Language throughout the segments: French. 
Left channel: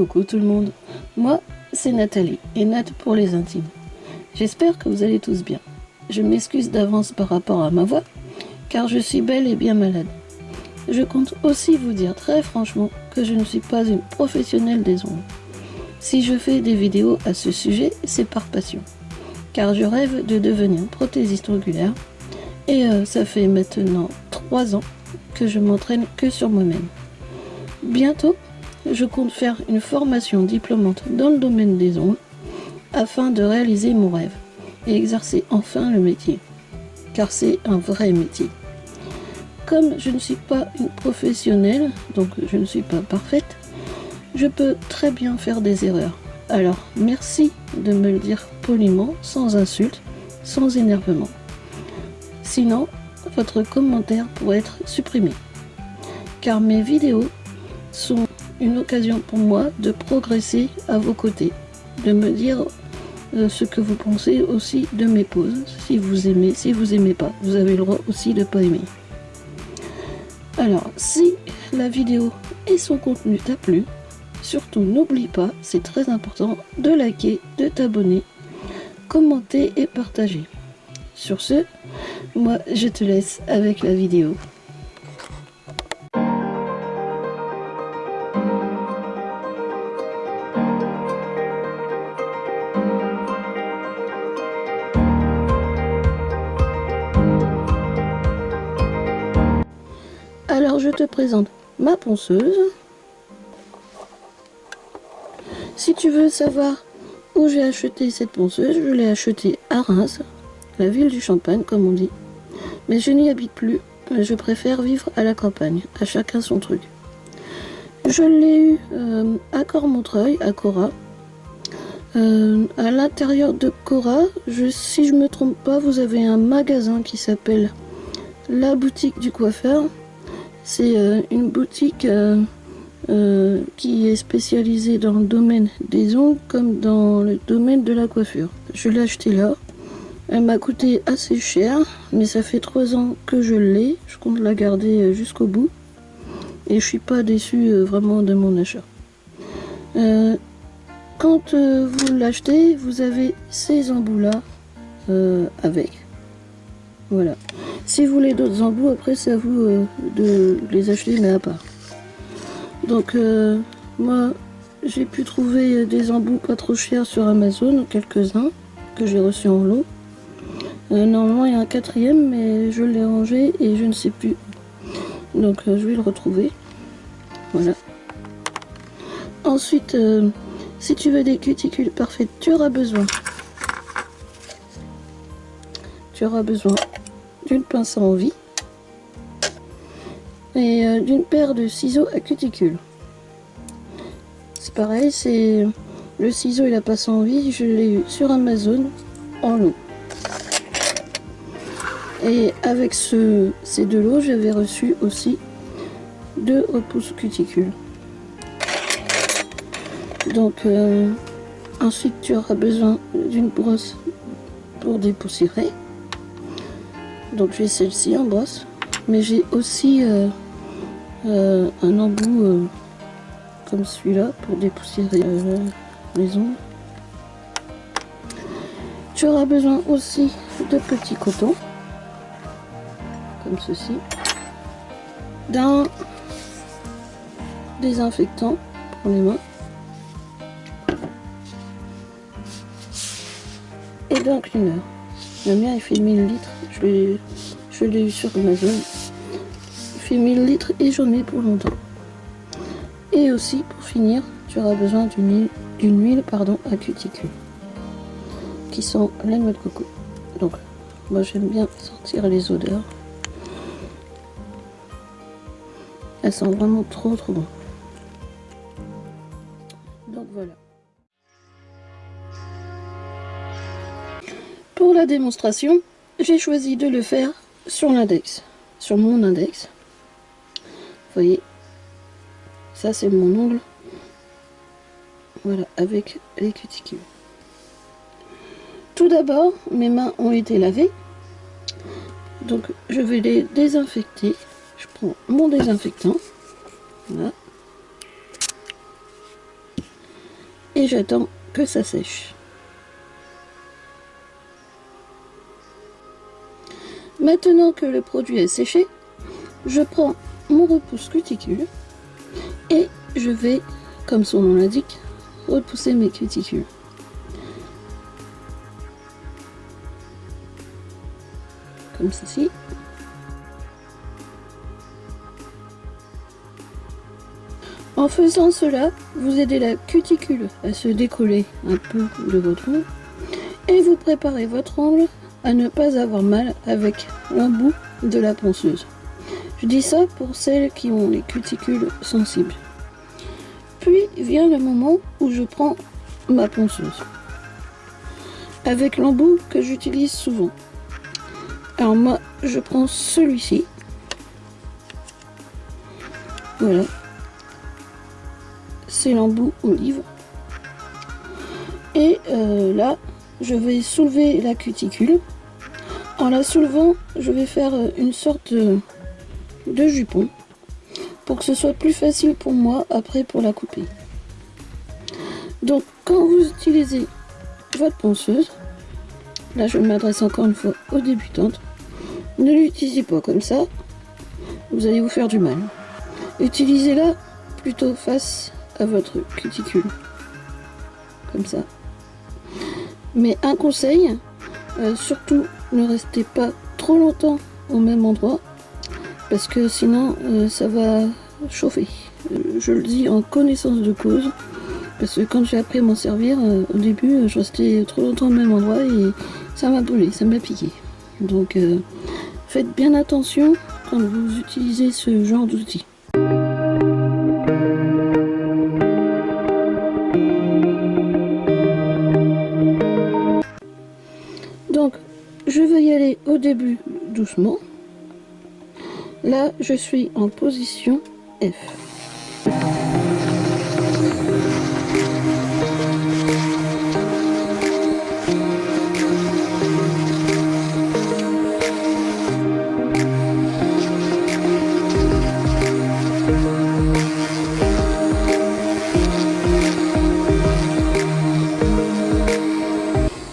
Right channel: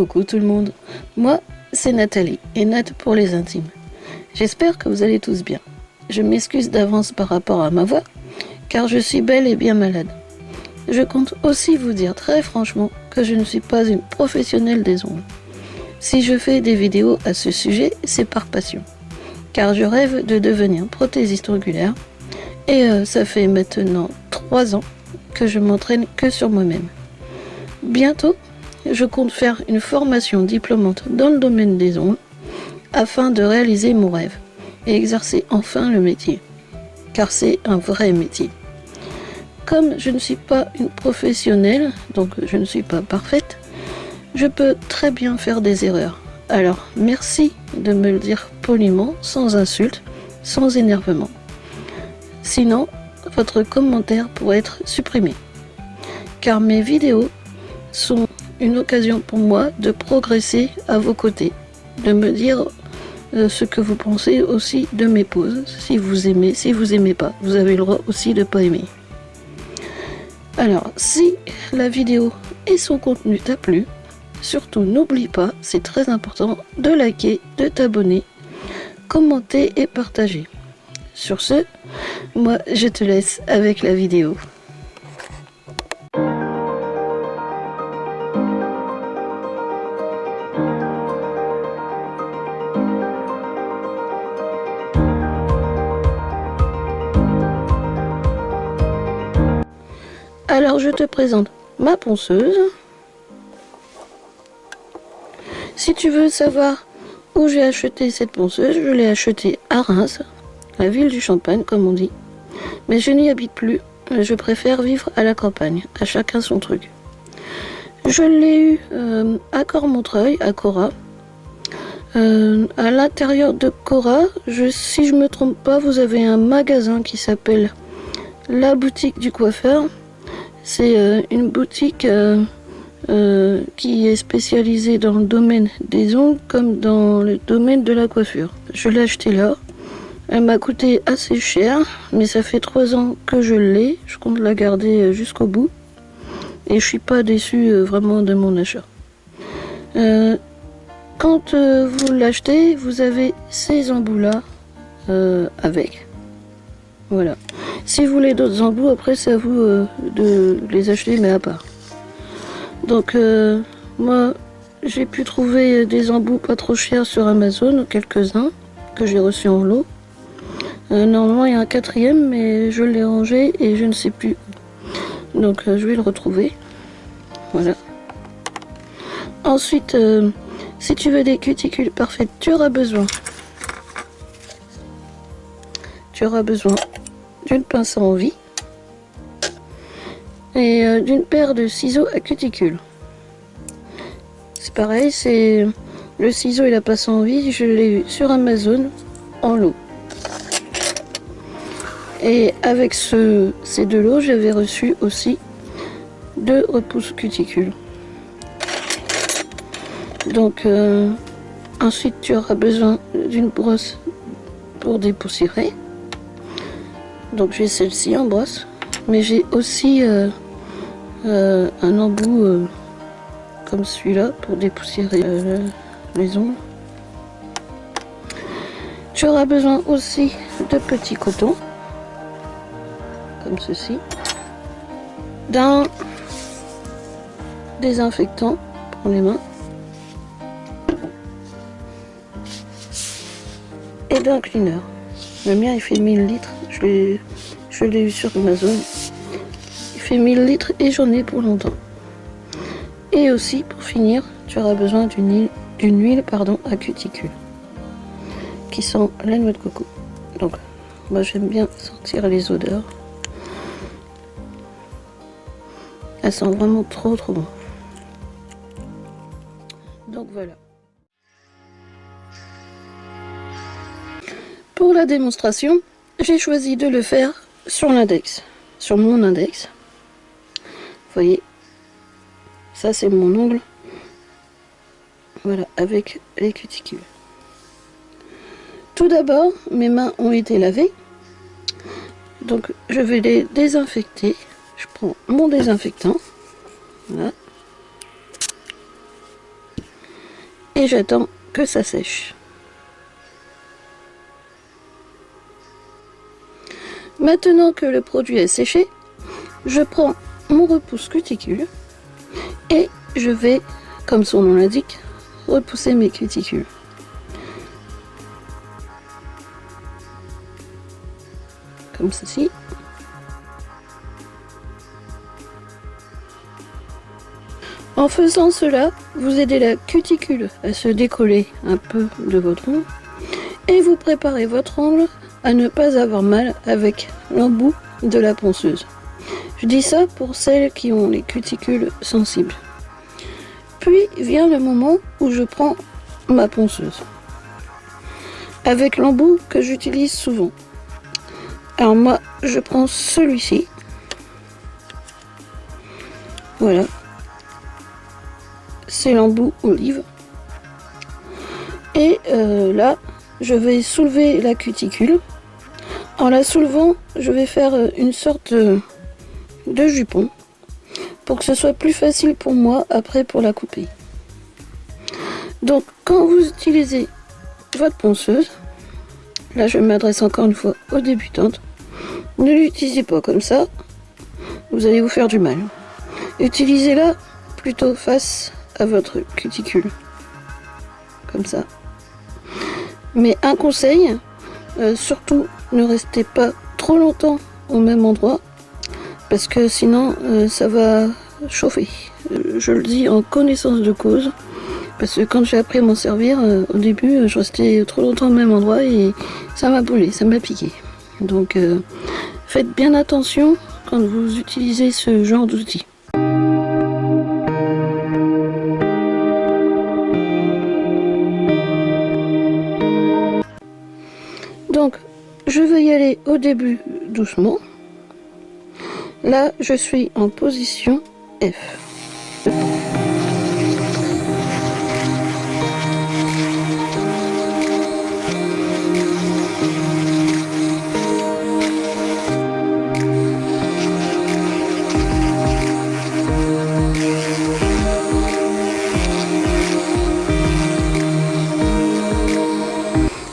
Coucou tout le monde, moi c'est Nathalie et Nat pour les intimes. J'espère que vous allez tous bien. Je m'excuse d'avance par rapport à ma voix, car je suis bel et bien malade. Je compte aussi vous dire très franchement que je ne suis pas une professionnelle des ongles. Si je fais des vidéos à ce sujet, c'est par passion, car je rêve de devenir prothésiste ongulaire et ça fait maintenant 3 ans que je m'entraîne que sur moi-même. Bientôt, je compte faire une formation diplômante dans le domaine des ongles afin de réaliser mon rêve et exercer enfin le métier, car c'est un vrai métier. Comme je ne suis pas une professionnelle, donc je ne suis pas parfaite, je peux très bien faire des erreurs. Alors merci de me le dire poliment, sans insulte, sans énervement. Sinon, votre commentaire pourrait être supprimé, car mes vidéos sont une occasion pour moi de progresser à vos côtés, de me dire ce que vous pensez aussi de mes poses, si vous aimez pas, vous avez le droit aussi de pas aimer. Alors, si la vidéo et son contenu t'a plu, surtout n'oublie pas, c'est très important, de liker, de t'abonner, commenter et partager. Sur ce, moi je te laisse avec la vidéo. Alors je te présente ma ponceuse. Si tu veux savoir où j'ai acheté cette ponceuse, je l'ai achetée à Reims, la ville du Champagne comme on dit. Mais je n'y habite plus, je préfère vivre à la campagne, à chacun son truc. Je l'ai eu à Cormontreuil, à Cora. À l'intérieur de Cora, si je me trompe pas, vous avez un magasin qui s'appelle La Boutique du Coiffeur. C'est une boutique qui est spécialisée dans le domaine des ongles comme dans le domaine de la coiffure. Je l'ai acheté là. Elle m'a coûté assez cher, mais ça fait 3 ans que je l'ai. Je compte la garder jusqu'au bout. Et je suis pas déçue vraiment de mon achat. Quand vous l'achetez, vous avez ces embouts-là avec. Voilà. Si vous voulez d'autres embouts, après c'est à vous de les acheter, mais à part. Donc moi j'ai pu trouver des embouts pas trop chers sur Amazon, quelques-uns que j'ai reçus en lot. Normalement il y a un 4e, mais je l'ai rangé et je ne sais plus. Donc je vais le retrouver. Voilà. Ensuite, si tu veux des cuticules parfaites, tu auras besoin d'une pince à envie et d'une paire de ciseaux à cuticule. C'est pareil, c'est le ciseau et la pince à envie, je l'ai eu sur Amazon en lot. Et avec ces 2 lots, j'avais reçu aussi 2 repousses cuticules. Donc ensuite tu auras besoin d'une brosse pour dépoussiérer. Donc j'ai celle-ci en brosse, mais j'ai aussi un embout comme celui-là pour dépoussiérer les ongles. Tu auras besoin aussi de petits cotons, comme ceci, d'un désinfectant pour les mains et d'un cleaner. Le mien il fait 1000 litres, je l'ai eu sur Amazon. Il fait 1000 litres et j'en ai pour longtemps. Et aussi pour finir, tu auras besoin d'une huile à cuticule qui sent la noix de coco. Donc moi j'aime bien sentir les odeurs. Elles sentent vraiment trop bon. Donc voilà. Pour la démonstration, j'ai choisi de le faire sur l'index, sur mon index. Vous voyez, ça c'est mon ongle. Voilà, avec les cuticules. Tout d'abord, mes mains ont été lavées. Donc je vais les désinfecter. Je prends mon désinfectant. Voilà. et j'attends que ça sèche. Maintenant que le produit est séché, je prends mon repousse cuticule et je vais, comme son nom l'indique, repousser mes cuticules. Comme ceci. En faisant cela, vous aidez la cuticule à se décoller un peu de votre ongle et vous préparez votre ongle à ne pas avoir mal avec l'embout de la ponceuse. Je dis ça pour celles qui ont les cuticules sensibles. Puis vient le moment où je prends ma ponceuse avec l'embout que j'utilise souvent. Alors moi, je prends celui-ci. Voilà. C'est l'embout olive. Et là, je vais soulever la cuticule. En la soulevant, je vais faire une sorte de jupon pour que ce soit plus facile pour moi après pour la couper. Donc quand vous utilisez votre ponceuse, là je m'adresse encore une fois aux débutantes, ne l'utilisez pas comme ça, vous allez vous faire du mal. Utilisez-la plutôt face à votre cuticule, comme ça. Mais un conseil, surtout ne restez pas trop longtemps au même endroit, parce que sinon ça va chauffer. Je le dis en connaissance de cause, parce que quand j'ai appris à m'en servir, au début je restais trop longtemps au même endroit et ça m'a brûlé, ça m'a piqué. Donc faites bien attention quand vous utilisez ce genre d'outils. Donc je vais y aller au début doucement. Là, je suis en position F.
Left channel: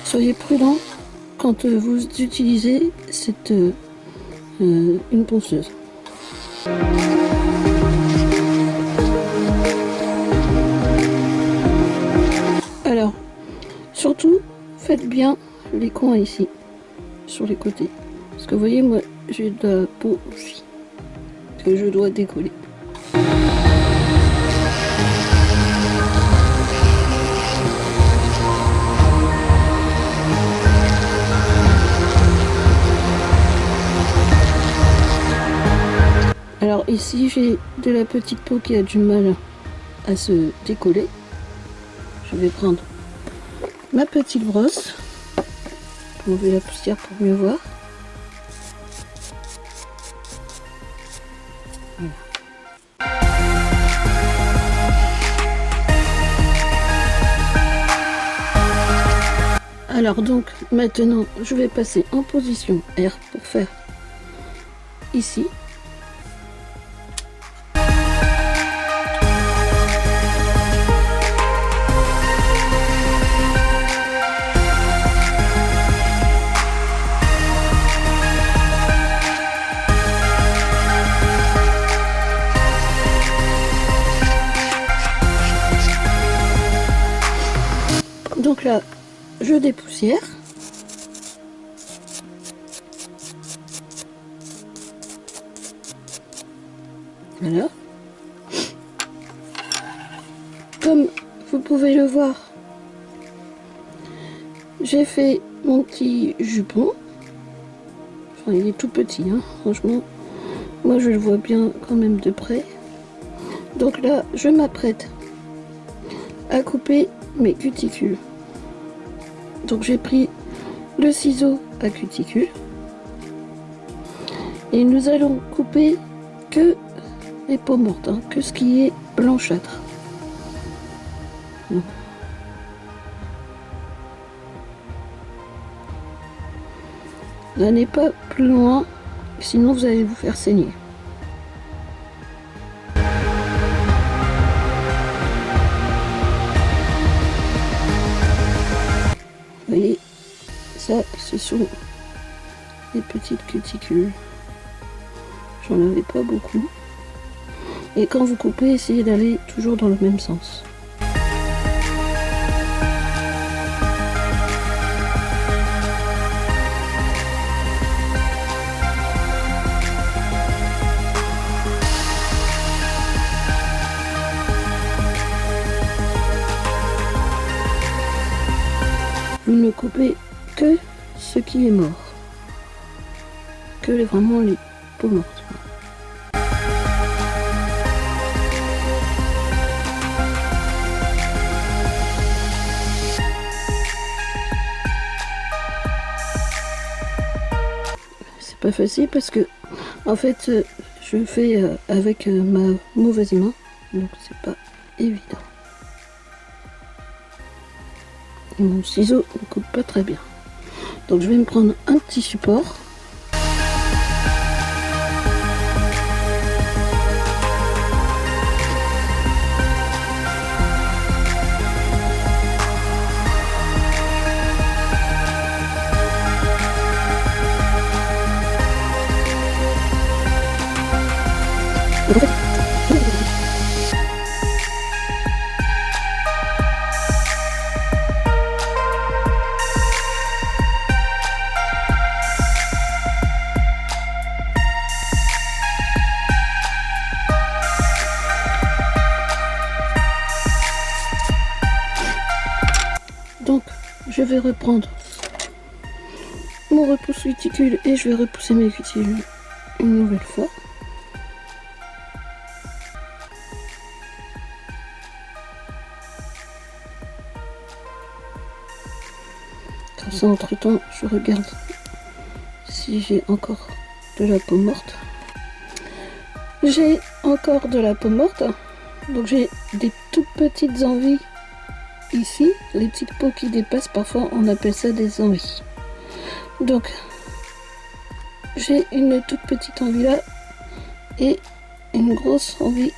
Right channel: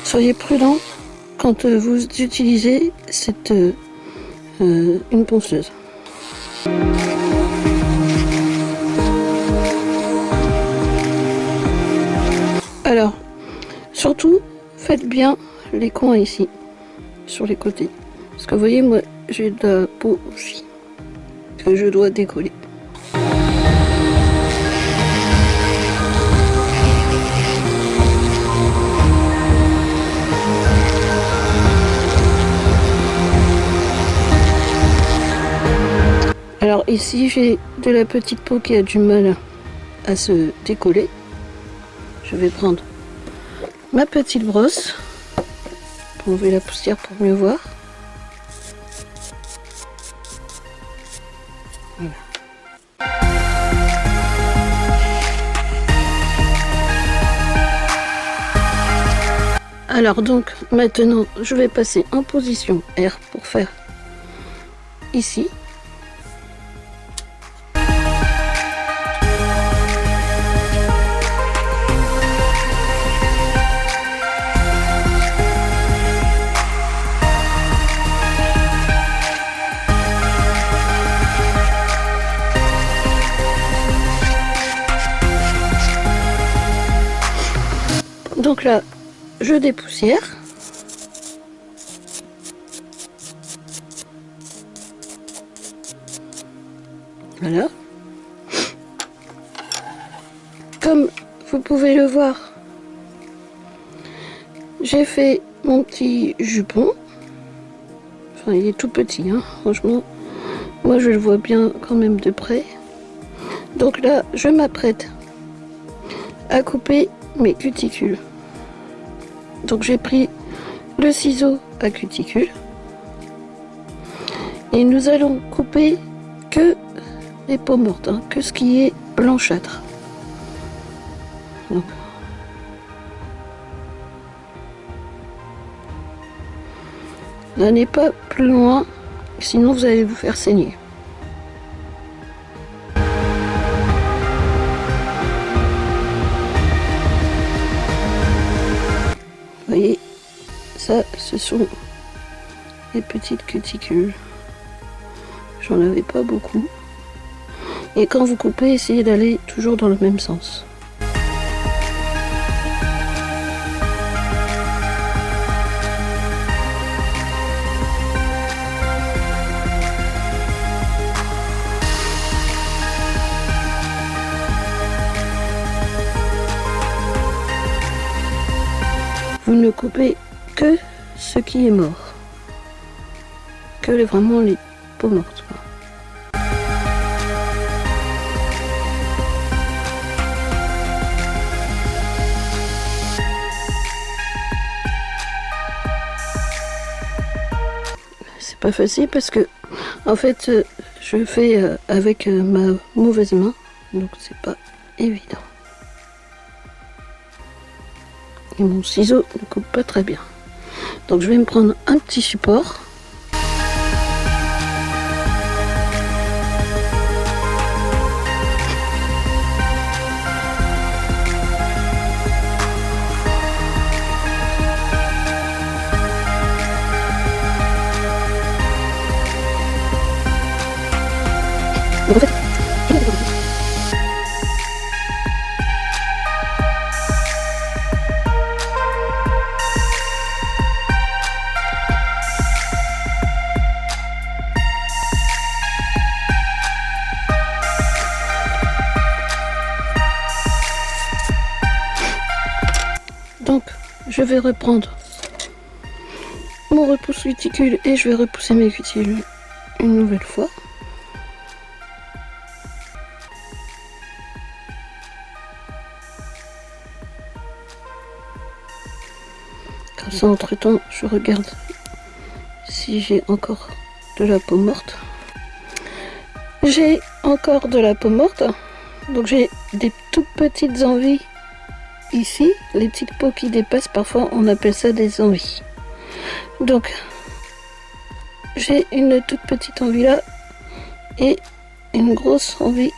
Soyez prudent quand vous utilisez une ponceuse. Alors, surtout, faites bien les coins ici, sur les côtés. Parce que vous voyez, moi, j'ai de la peau aussi, que je dois décoller. Alors ici j'ai de la petite peau qui a du mal à se décoller. Je vais prendre ma petite brosse pour enlever la poussière pour mieux voir. Voilà. Alors donc maintenant je vais passer en position R pour faire ici. Donc là, je dépoussière. Voilà. Comme vous pouvez le voir, j'ai fait mon petit jupon. Enfin, il est tout petit, hein, franchement. Moi, je le vois bien quand même de près. Donc là, je m'apprête à couper mes cuticules. Donc j'ai pris le ciseau à cuticule et nous allons couper que les peaux mortes, hein, que ce qui est blanchâtre. Donc, n'allez pas plus loin, sinon vous allez vous faire saigner. voyez, ça, ce sont les petites cuticules. J'en avais pas beaucoup. Et quand vous coupez, essayez d'aller toujours dans le même sens. Vous ne coupez que ce qui est mort, vraiment les peaux mortes. C'est pas facile parce que en fait je fais avec ma mauvaise main, donc c'est pas évident. Et mon ciseau ne coupe pas très bien. Donc je vais me prendre un petit support. Donc, je vais reprendre mon repousse cuticule et je vais repousser mes cuticules une nouvelle fois. Comme ça, entre-temps, je regarde si j'ai encore de la peau morte. J'ai encore de la peau morte, donc j'ai des toutes petites envies ici, les petites peaux qui dépassent, parfois on appelle ça des envies. Donc j'ai une toute petite envie là et une grosse envie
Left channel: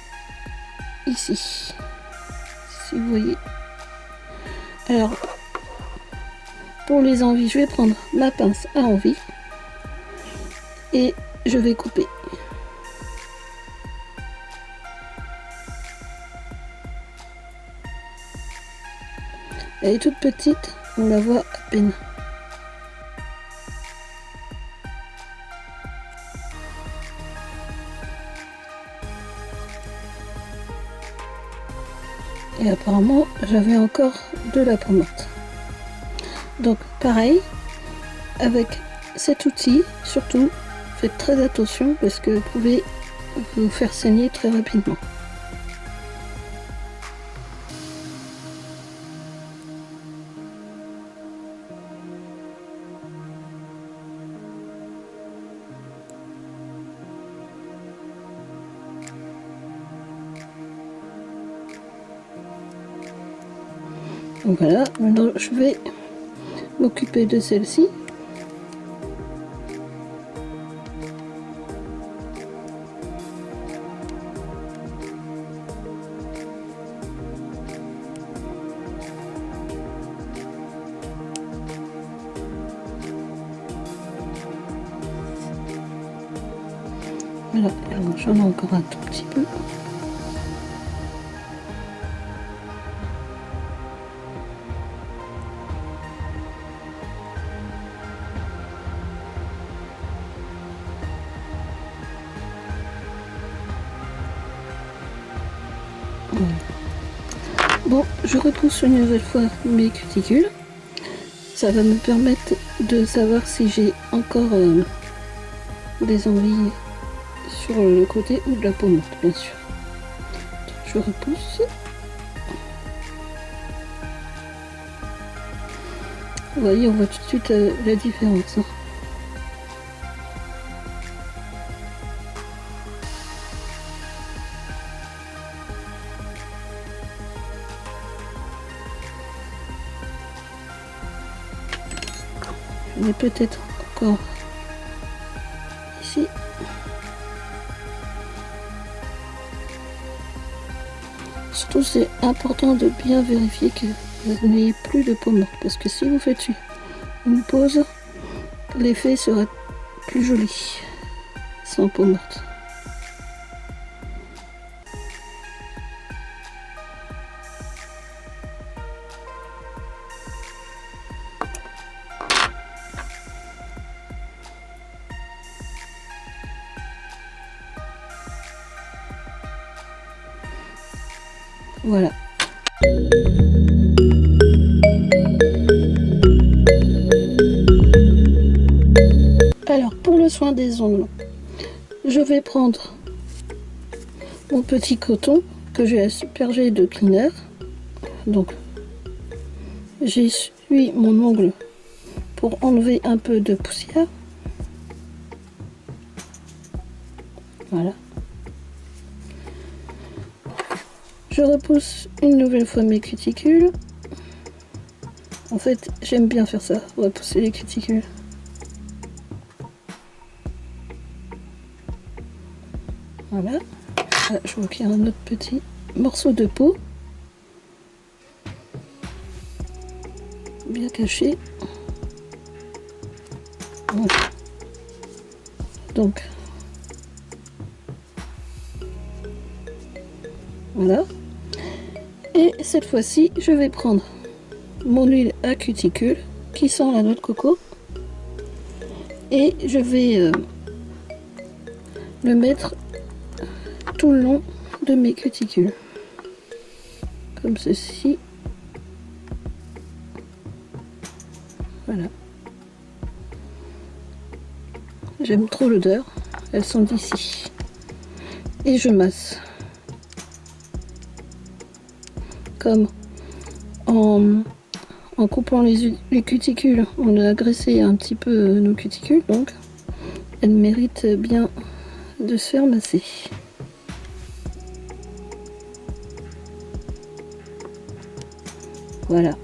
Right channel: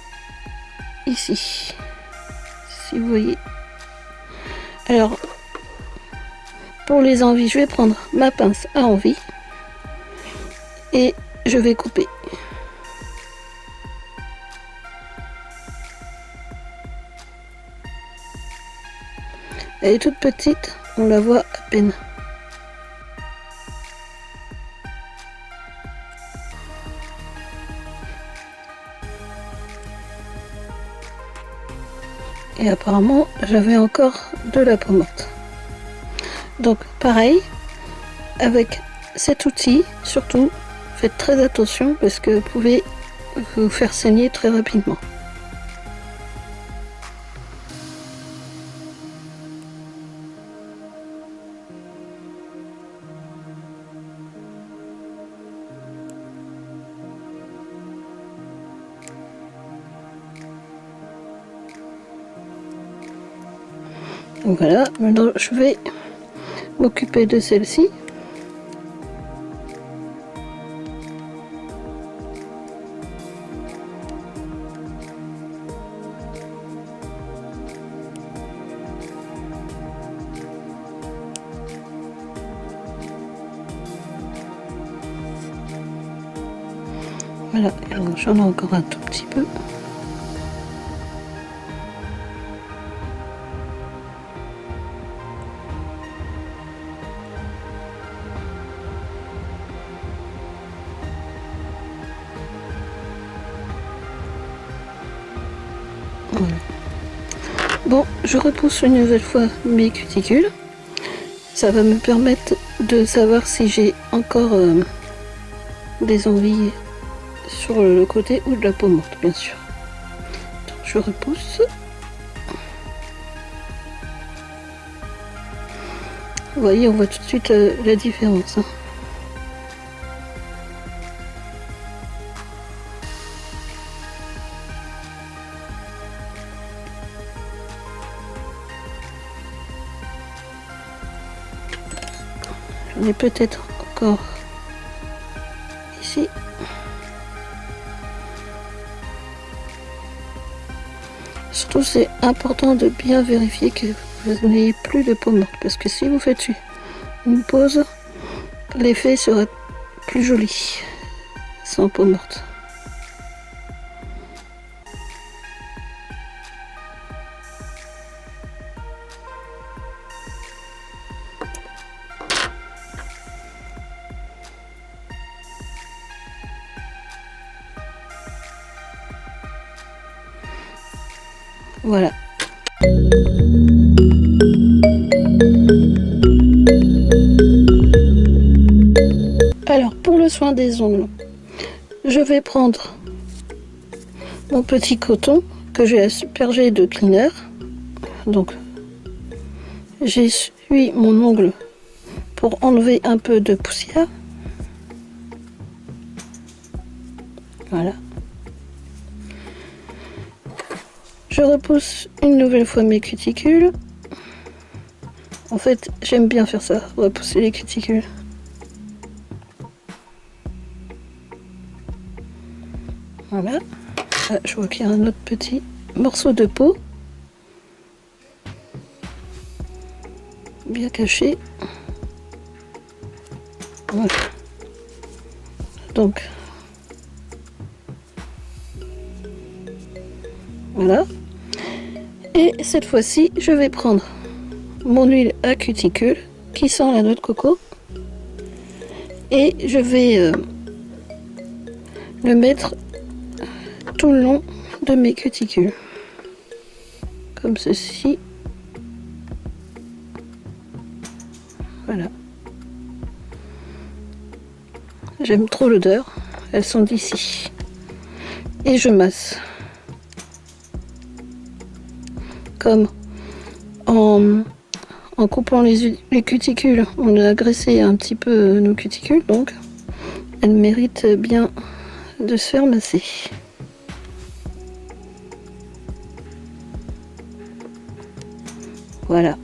ici, si vous voyez. Alors pour les envies, je vais prendre ma pince à envie et je vais couper. Elle est toute petite, on la voit à peine. Et apparemment, j'avais encore de la peau morte. Donc pareil, avec cet outil, surtout, faites très attention parce que vous pouvez vous faire saigner très rapidement. Donc voilà, maintenant je vais m'occuper de celle-ci. Voilà, alors j'en ai encore un tout petit peu. Voilà. Bon, je repousse une nouvelle fois mes cuticules. Ça va me permettre de savoir si j'ai encore des envies sur le côté ou de la peau morte, bien sûr. Donc, je repousse. Vous voyez, on voit tout de suite la différence. Hein. J'en ai peut-être encore ici. Surtout, c'est important de bien vérifier que vous n'ayez plus de peau morte, parce que si vous faites une pause, l'effet sera plus joli, sans peau morte. Voilà. Alors, pour le soin des ongles, je vais prendre mon petit coton que j'ai aspergé de cleaner. Donc, j'essuie mon ongle pour enlever un peu de poussière. Voilà. Je repousse une nouvelle fois mes cuticules. En fait, j'aime bien faire ça, repousser les cuticules. Voilà. Ah, je vois qu'il y a un autre petit morceau de peau. Bien caché. Voilà. Donc, voilà. Et cette fois-ci, je vais prendre mon huile à cuticule qui sent la noix de coco et je vais le mettre tout le long de mes cuticules, comme ceci. Voilà. J'aime trop l'odeur, elles sont d'ici. Et je masse. Comme en coupant les cuticules, on a graissé un petit peu nos cuticules, donc elles méritent bien de se faire masser. Voilà.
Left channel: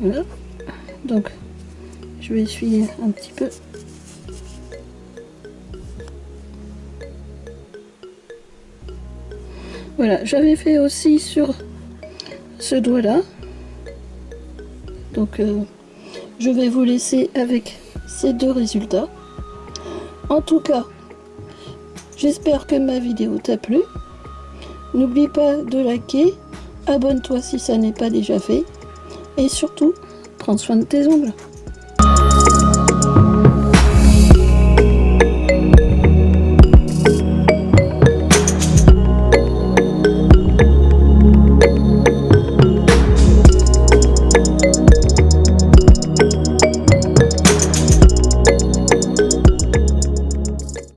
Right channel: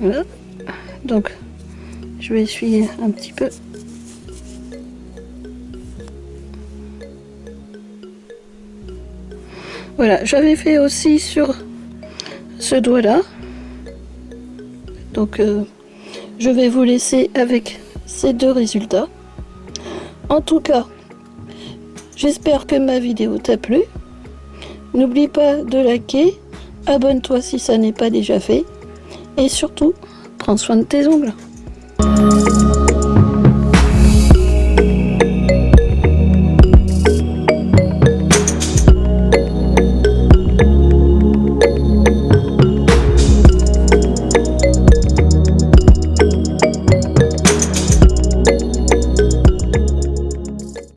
Voilà. Donc, je vais essuyer un petit peu. Voilà, j'avais fait aussi sur ce doigt-là. Donc, je vais vous laisser avec ces deux résultats. En tout cas, j'espère que ma vidéo t'a plu. N'oublie pas de liker, abonne-toi si ça n'est pas déjà fait. Et surtout, prends soin de tes ongles.